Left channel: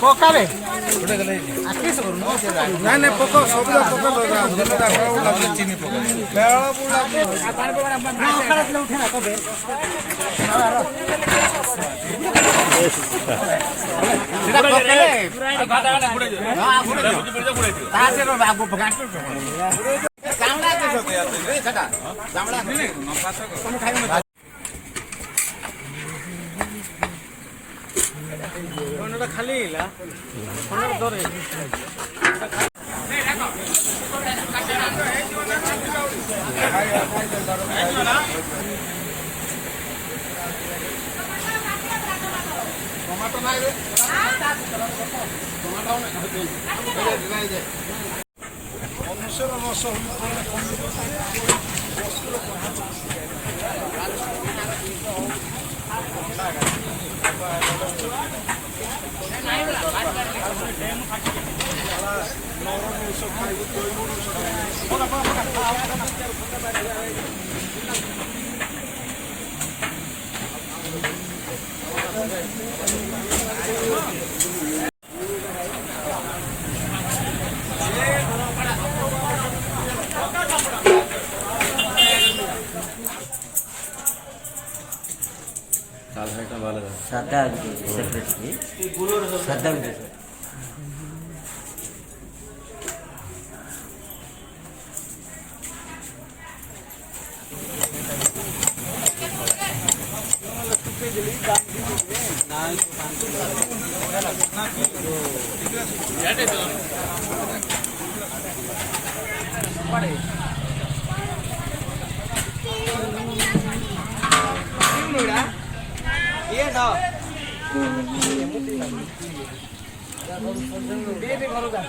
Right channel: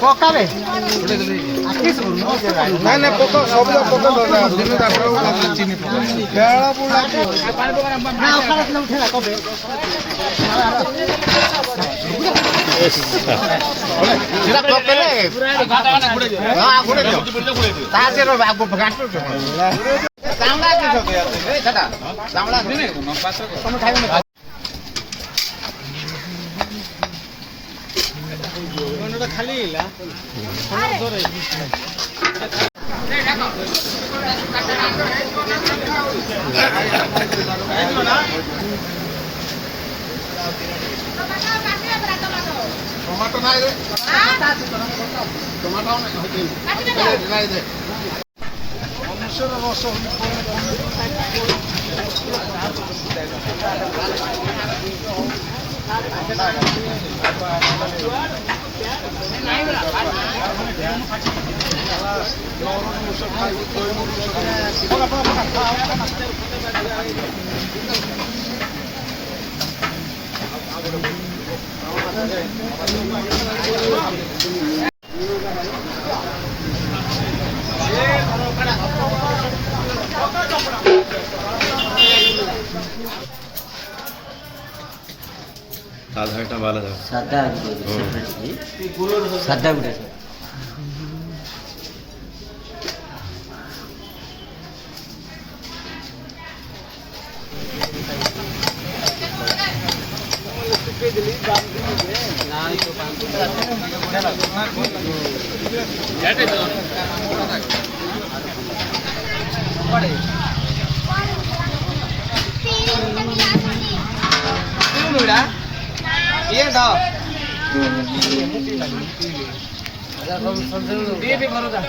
ପକାରେ ନାଇଁ ନାଇଁ ପୋକ ସବୁ ଉଠେଇଲା କବେ ଖାଲି ଟମାଟୋ ନାଇଁ ରେ ଟମାଟୋ ନାଇଁ ଦେ ମନୁଷ୍ୟର ରସ সাধাটা ভালো থাকে সাদা সাদা গুড়ে ये दाओ ये भी भरो जा